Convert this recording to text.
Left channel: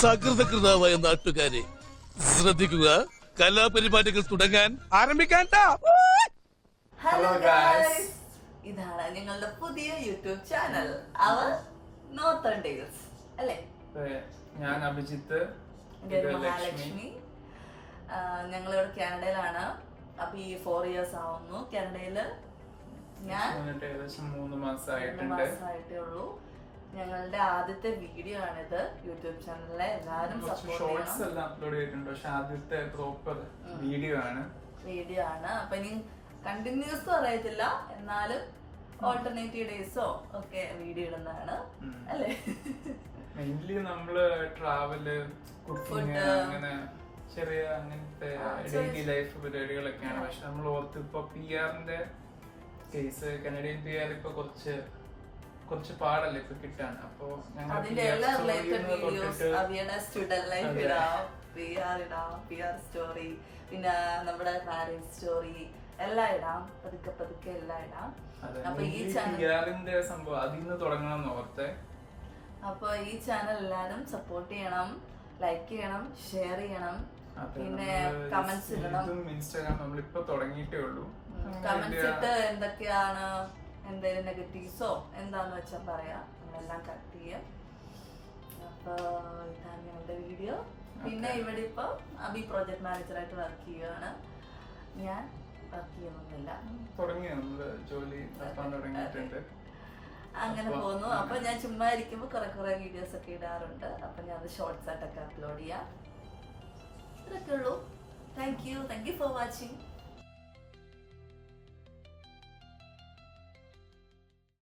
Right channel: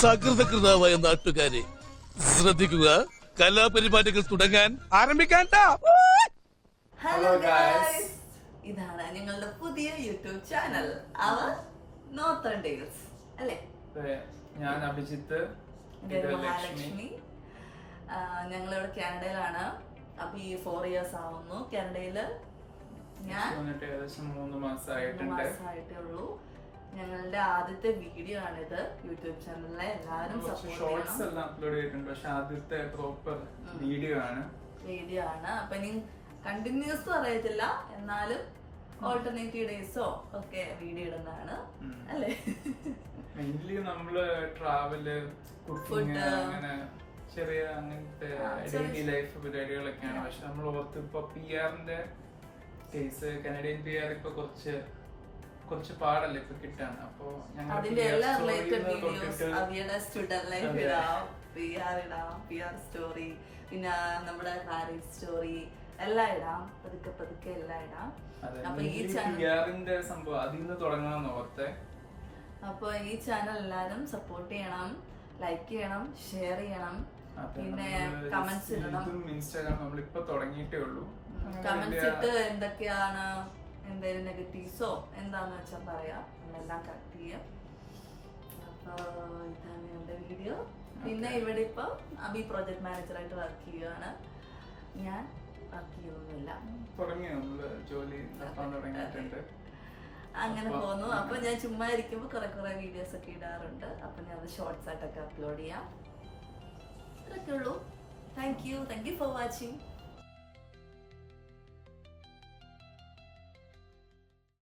സകൃതകൃതാവായ നാട്ടുകാരെ ശ്രദ്ധിക്കുക, കലാപരിപാടികൾ തുടങ്ങാൻ ആരംഭിക്കാൻ. ഹലോ ഗൈസ്, ഇതാണ് ഞങ്ങളുടെ പുതിയ യൂട്യൂബ് ചാനൽ അവർ നോർത്തേൺ ഡേയ്സ് അല്ലേ. ഞാൻ അഭിജിത്ത്, മഹാലക്ഷ്മി. ഞങ്ങളിവിടെ കാനഡയിലാണ്. അപ്പൊ ഈ 4 years ആവുന്നു കാനഡയില്. ഞാൻ ഏകദേശം 3 മാസമായിട്ടേ ഉള്ളൂ. ഞങ്ങളുടെ ആദ്യത്തെ വീഡിയോ ആണിത് യൂട്യൂബ് ചാനലിലെ. എല്ലാവരും ഷോർട്സ് എല്ലാം അപ്ലോഡ് ചെയ്തിട്ടുണ്ട്, പക്ഷെ ആദ്യത്തെ പ്രോപ്പർ വീഡിയോ ആണ്. അപ്പൊ ഇനി കണ്ടിന്യൂസ് അറിയത്തില്ല, എന്നാലും ഓൾട്ടർനേറ്റീവ് ഡേയ്സോ ഒക്കെ വീഡിയോ ഇടുന്നതാണ് അല്ലേ. മെയിൻലി നമ്മള് ട്രാവല്, കുക്കിംഗ്, അങ്ങനെ ചെറിയ അങ്ങനത്തെ ഡെയിലി ലൈഫ് പരിപാടികളൊക്കെയാണ്. പക്ഷെ നമ്മൾ ഓർത്ത് ഇപ്പൊ PR-ന്റെ കേസ്, കനഡിയൻ PR ഇപ്പൊ കുറച്ച് പാടല്ലേ ഇപ്പൊ കിട്ടാണ്. അപ്പൊ അതിന്റെ എല്ലാ റിലേറ്റഡ് വീഡിയോസ് അവയുടെ സ്റ്റുഡന്റ് ലൈഫ് ഇടാം, PR സ്റ്റോറി, പിന്നെ നമ്മുടെ മാരേജ് സ്റ്റോറി എല്ലാം ഇടാം. പതുക്കെ എല്ലാം ഇടാം. അപ്പൊ ഈ ചാനലിന്റെ സംഭവം അതിന്ന് തുടങ്ങണം ഓർത്തെ. അപ്പൊ ഈ ചാനൽ എല്ലാരും സപ്പോർട്ട് ചെയ്യണം, ലൈക്ക് ചെയ്യണം, ഷെയർ ചെയ്യണം, പിന്നെ കമന്റ്സ് ഇടണം. ഇൻസ്റ്റാഗ്രാം നമ്മളിപ്പോ തുടങ്ങിയിട്ടേ ഉള്ളൂ. കമന്റ്സ് ഇട്ട് എന്തൊക്കെയാണ്, എന്തെങ്കിലും നെഗറ്റീവ്സോ എന്താന്ന് വെച്ചാൽ പറയാം, നമ്മളെല്ലാം കട്ട് ചെയ്യാം. അപ്പൊ ഇതാണ് ഞങ്ങളുടെ വീഡിയോ. പിന്നെ ഇവിടെ ഇപ്പൊ അബി പ്രോജക്ട് മാനേജറായിട്ട് വർക്ക് ചെയ്യുകയാണ്. ഞാൻ വർക്ക് ചെയ്യുന്നൊന്നുമില്ല, ജോലി തുടങ്ങിയിട്ടുണ്ട്. അങ്ങനെ പോകുന്നു. അപ്പൊ ഞാൻ ചുമ്മാ ഇരിക്കുമ്പോ കുറെ വീഡിയോസ് ഒക്കെ ഇടാറുണ്ട്. അപ്പൊ ഞാൻ അത് ഷോർട്സ് ആയിട്ടൊക്കെ അപ്ലോഡ് ചെയ്യാം. അത്രയൊക്കെ ഉള്ളൂ. Thank you for watching.